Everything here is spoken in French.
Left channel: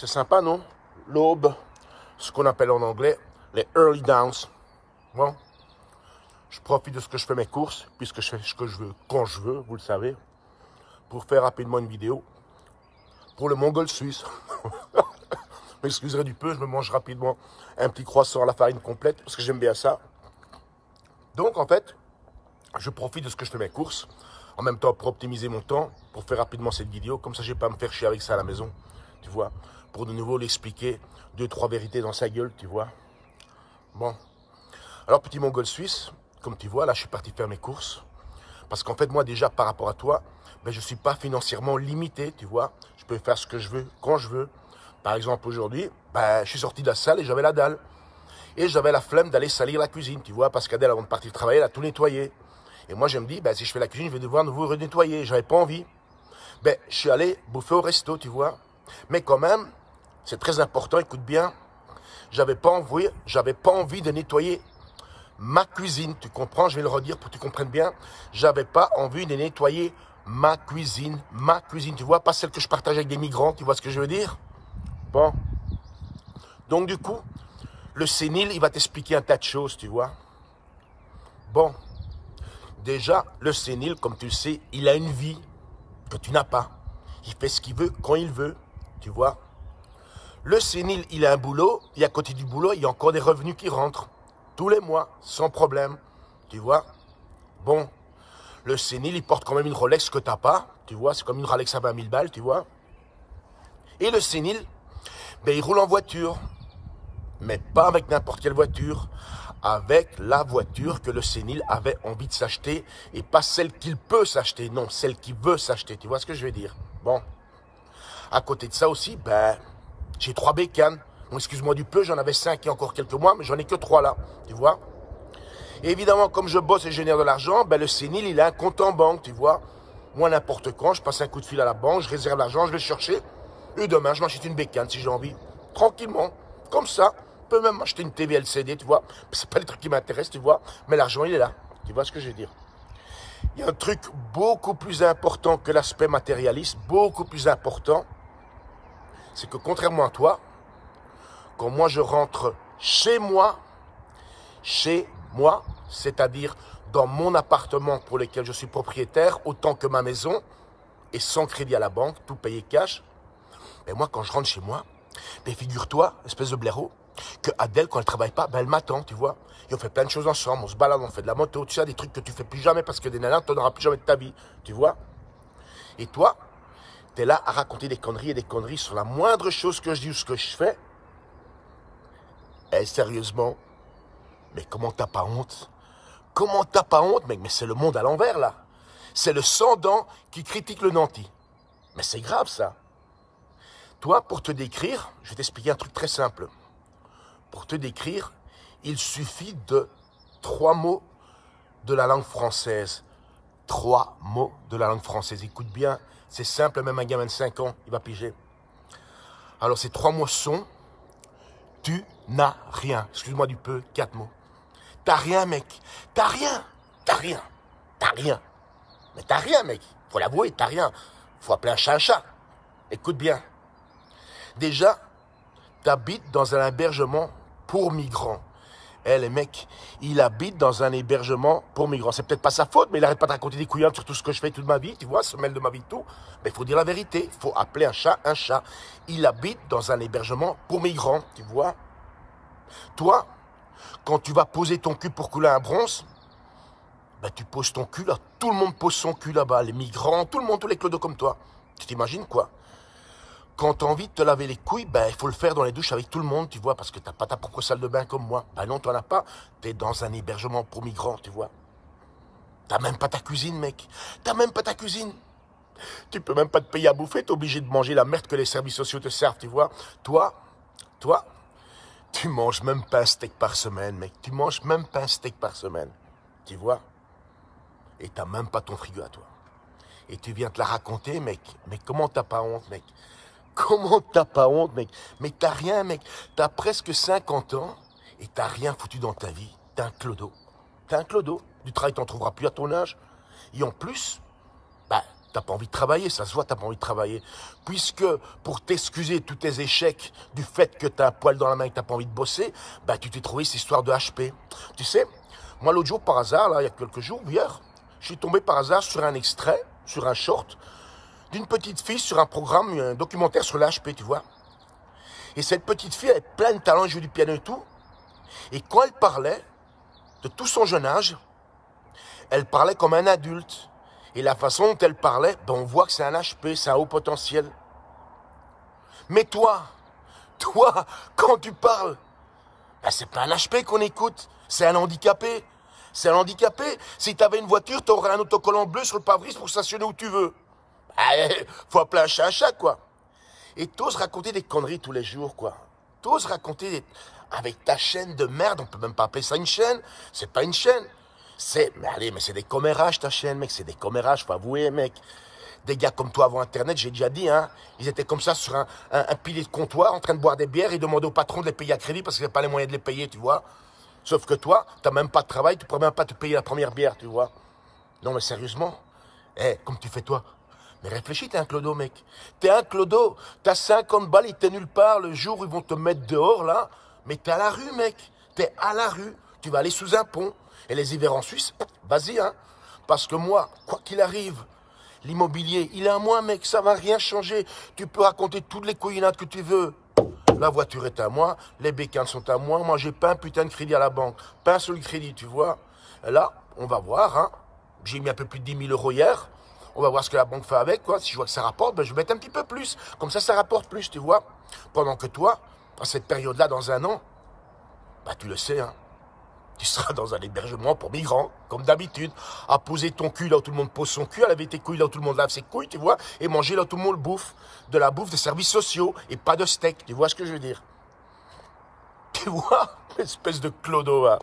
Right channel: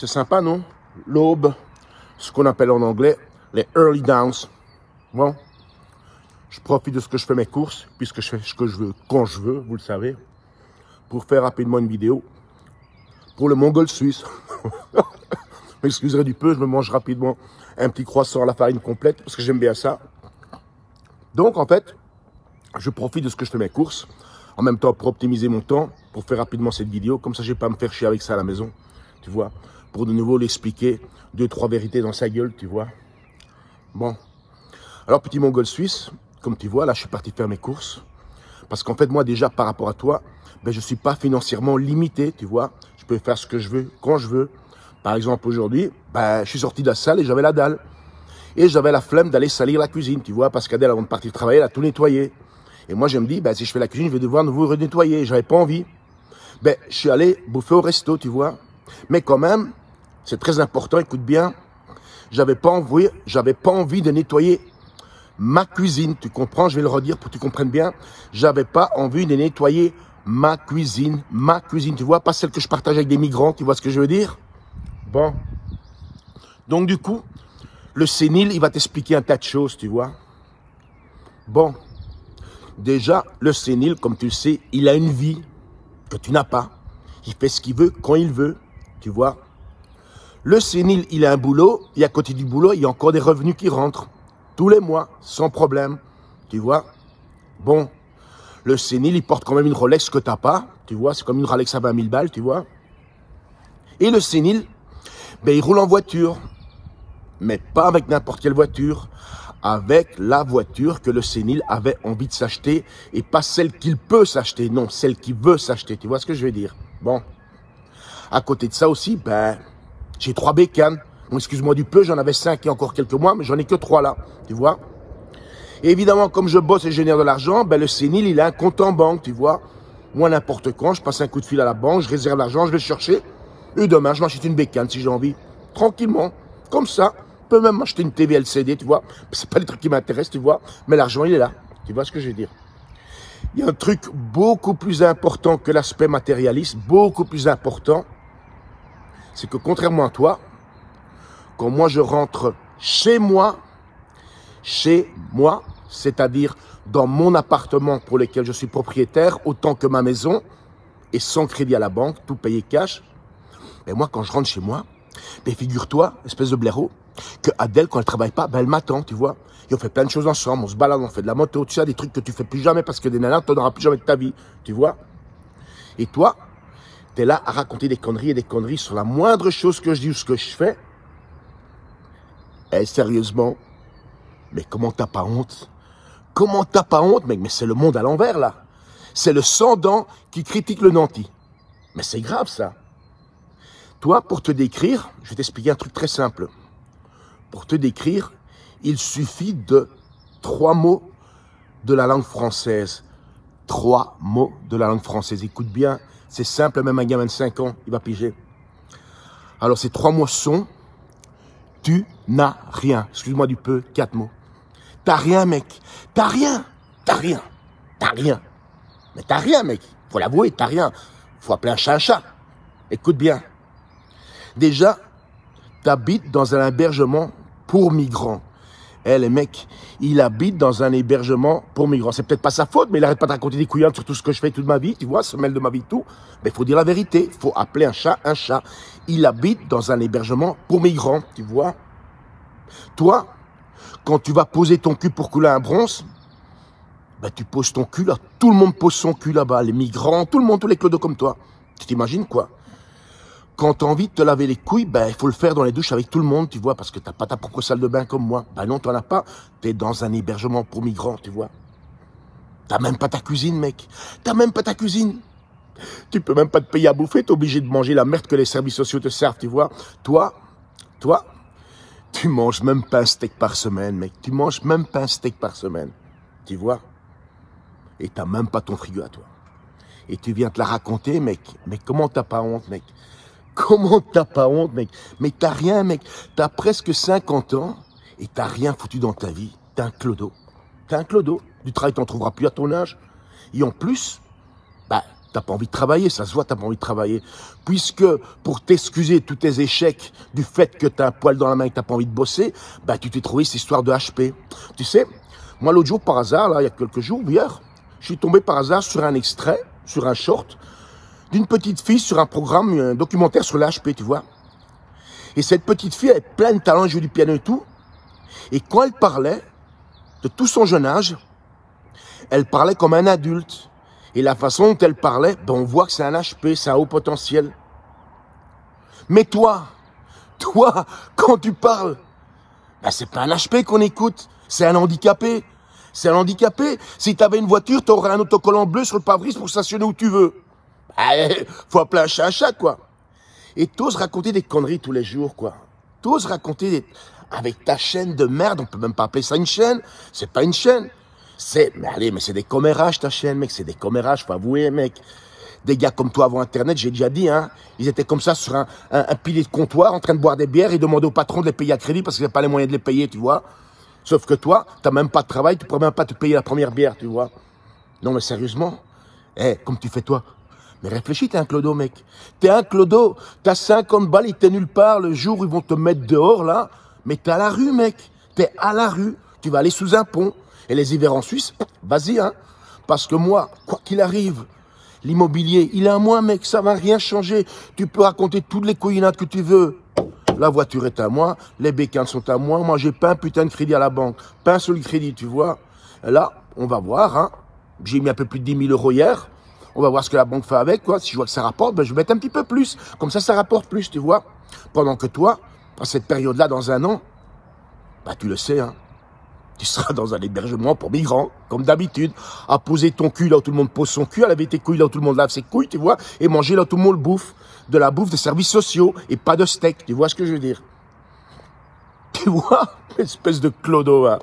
C'est sympa, non? L'aube, ce qu'on appelle en anglais les early downs. Bon, je profite de ce que je fais mes courses, puisque je fais ce que je veux, quand je veux, vous le savez, pour faire rapidement une vidéo pour le Mongol suisse. M'excuserez du peu, je me mange rapidement un petit croissant à la farine complète, parce que j'aime bien ça. Donc, en fait, je profite de ce que je fais mes courses, en même temps pour optimiser mon temps, pour faire rapidement cette vidéo, comme ça je ne vais pas me faire chier avec ça à la maison, tu vois, pour de nouveau l'expliquer, 2-3 vérités dans sa gueule, tu vois. Bon, alors petit Mongol suisse, comme tu vois, là je suis parti faire mes courses, parce qu'en fait moi déjà par rapport à toi, ben, je ne suis pas financièrement limité, tu vois, je peux faire ce que je veux, quand je veux. Par exemple aujourd'hui, ben, je suis sorti de la salle et j'avais la dalle. Et j'avais la flemme d'aller salir la cuisine, tu vois, parce qu'Adèle, avant de partir travailler, elle a tout nettoyé. Et moi, je me dis, ben, si je fais la cuisine, je vais devoir nouveau renettoyer. J'avais pas envie. Ben, je suis allé bouffer au resto, tu vois. Mais quand même, c'est très important, écoute bien, j'avais pas envie de nettoyer ma cuisine. Tu comprends? Je vais le redire pour que tu comprennes bien. J'avais pas envie de nettoyer ma cuisine, tu vois, pas celle que je partage avec des migrants, tu vois ce que je veux dire? Bon. Donc, du coup, le sénile, il va t'expliquer un tas de choses, tu vois. Bon, déjà, le sénile, comme tu le sais, il a une vie que tu n'as pas. Il fait ce qu'il veut, quand il veut, tu vois. Le sénile, il a un boulot, et à côté du boulot, il y a encore des revenus qui rentrent. Tous les mois, sans problème, tu vois. Bon, le sénile, il porte quand même une Rolex que tu n'as pas, tu vois. C'est comme une Rolex à 20 000 balles, tu vois. Et le sénile, ben, il roule en voiture. Mais pas avec n'importe quelle voiture, avec la voiture que le sénile avait envie de s'acheter et pas celle qu'il peut s'acheter, non, celle qu'il veut s'acheter, tu vois ce que je veux dire? Bon, à côté de ça aussi, ben, j'ai 3 bécanes. Bon, excuse-moi du peu, j'en avais 5 il y a encore quelques mois, mais j'en ai que 3 là, tu vois? Et évidemment, comme je bosse et je génère de l'argent, ben, le sénile, il a un compte en banque, tu vois? Moi, n'importe quand, je passe un coup de fil à la banque, je réserve l'argent, je vais le chercher, et demain, je m'achète une bécane si j'ai envie, tranquillement, comme ça. Je peux même m'acheter une TV LCD, tu vois. C'est pas les trucs qui m'intéressent, tu vois. Mais l'argent, il est là. Tu vois ce que je veux dire? Il y a un truc beaucoup plus important que l'aspect matérialiste, beaucoup plus important. C'est que contrairement à toi, quand moi je rentre chez moi, c'est-à-dire dans mon appartement pour lequel je suis propriétaire, autant que ma maison, et sans crédit à la banque, tout payé cash, mais moi, quand je rentre chez moi, ben, figure-toi, espèce de blaireau, que Adèle, quand elle travaille pas, ben, elle m'attend, tu vois. Et on fait plein de choses ensemble, on se balade, on fait de la moto, tu sais, des trucs que tu fais plus jamais parce que des nanas, tu n'en auras plus jamais de ta vie, tu vois. Et toi, tu es là à raconter des conneries et des conneries sur la moindre chose que je dis ou ce que je fais. Eh, sérieusement, mais comment t'as pas honte? Comment t'as pas honte, mec? Mais c'est le monde à l'envers, là. C'est le sans-dents qui critique le nanti. Mais c'est grave, ça. Toi, pour te décrire, je vais t'expliquer un truc très simple. Pour te décrire, il suffit de 3 mots de la langue française. 3 mots de la langue française. Écoute bien, c'est simple, même un gamin de 5 ans, il va piger. Alors, ces 3 mots sont « tu n'as rien ». Excuse-moi du peu, 4 mots. T'as rien, mec. T'as rien. T'as rien. T'as rien. Mais t'as rien, mec. Faut l'avouer, t'as rien. Faut appeler un chat un chat. Écoute bien. Déjà, t'habites dans un hébergement pour migrants. Eh, les mecs, il habite dans un hébergement pour migrants. C'est peut-être pas sa faute, mais il arrête pas de raconter des couillards sur tout ce que je fais toute ma vie, tu vois, se mêle de ma vie, tout. Mais il faut dire la vérité. Il faut appeler un chat un chat. Il habite dans un hébergement pour migrants, tu vois. Toi, quand tu vas poser ton cul pour couler un bronze, ben, tu poses ton cul là. Tout le monde pose son cul là-bas. Les migrants, tout le monde, tous les clodos comme toi. Tu t'imagines quoi? Quand tu as envie de te laver les couilles, ben, il faut le faire dans les douches avec tout le monde, tu vois, parce que tu n'as pas ta propre salle de bain comme moi. Ben non, tu n'en as pas. Tu es dans un hébergement pour migrants, tu vois. Tu n'as même pas ta cuisine, mec. Tu n'as même pas ta cuisine. Tu peux même pas te payer à bouffer, tu es obligé de manger la merde que les services sociaux te servent, tu vois. Toi, tu manges même pas un steak par semaine, mec. Tu manges même pas un steak par semaine, tu vois. Et tu n'as même pas ton frigo à toi. Et tu viens te la raconter, mec. Mais comment t'as pas honte, mec? Comment t'as pas honte, mec? Mais t'as rien, mec. T'as presque 50 ans et t'as rien foutu dans ta vie. T'es un clodo. T'es un clodo. Du travail, t'en trouveras plus à ton âge. Et en plus, bah, T'as pas envie de travailler, ça se voit, t'as pas envie de travailler. Puisque, pour t'excuser de tous tes échecs, du fait que t'as un poil dans la main et que t'as pas envie de bosser, bah, tu t'es trouvé cette histoire de HP. Tu sais, moi, l'autre jour, par hasard, là, il y a quelques jours, hier, je suis tombé par hasard sur un extrait, sur un short, d'une petite fille sur un programme, un documentaire sur l'HP, tu vois. Et cette petite fille, elle est pleine de talent, elle joue du piano et tout. Et quand elle parlait de tout son jeune âge, elle parlait comme un adulte. Et la façon dont elle parlait, ben on voit que c'est un HP, c'est un haut potentiel. Mais toi, quand tu parles, ben c'est pas un HP qu'on écoute, c'est un handicapé. C'est un handicapé. Si tu avais une voiture, tu aurais un autocollant bleu sur le pare-brise pour stationner où tu veux. Ben, faut appeler un chat, quoi. Et t'oses raconter des conneries tous les jours, quoi. T'oses raconter des... Avec ta chaîne de merde, on peut même pas appeler ça une chaîne. C'est pas une chaîne. Mais allez, mais c'est des commérages, ta chaîne, mec. C'est des commérages, faut avouer, mec. Des gars comme toi avant Internet, j'ai déjà dit, hein. Ils étaient comme ça sur un pilier de comptoir, en train de boire des bières et demander au patron de les payer à crédit parce qu'il n'avait pas les moyens de les payer, tu vois. Sauf que toi, t'as même pas de travail, tu pourrais même pas te payer la première bière, tu vois. Non, mais sérieusement. Comme tu fais toi. Mais réfléchis, t'es un clodo, mec. T'es un clodo. T'as 50 balles, t'es nulle part le jour où ils vont te mettre dehors, là. Mais t'es à la rue, mec. T'es à la rue. Tu vas aller sous un pont. Et les hivers en Suisse, vas-y, hein. Parce que moi, quoi qu'il arrive, l'immobilier, il est à moi, mec. Ça va rien changer. Tu peux raconter toutes les couillinades que tu veux. La voiture est à moi. Les bécanes sont à moi. Moi, j'ai pas un putain de crédit à la banque. Pas un seul crédit, tu vois. Et là, on va voir, hein. J'ai mis un peu plus de 10 000 € hier. On va voir ce que la banque fait avec, quoi. Si je vois que ça rapporte, ben, je vais mettre un petit peu plus. Comme ça rapporte plus, tu vois. Pendant que toi, à cette période-là, dans un an, bah, tu le sais, hein. Tu seras dans un hébergement pour migrants, comme d'habitude, à poser ton cul là où tout le monde pose son cul, à laver tes couilles là où tout le monde lave ses couilles, tu vois, et manger là où tout le monde bouffe. De la bouffe de services sociaux, et pas de steak, tu vois ce que je veux dire. Tu vois, espèce de clodo, hein.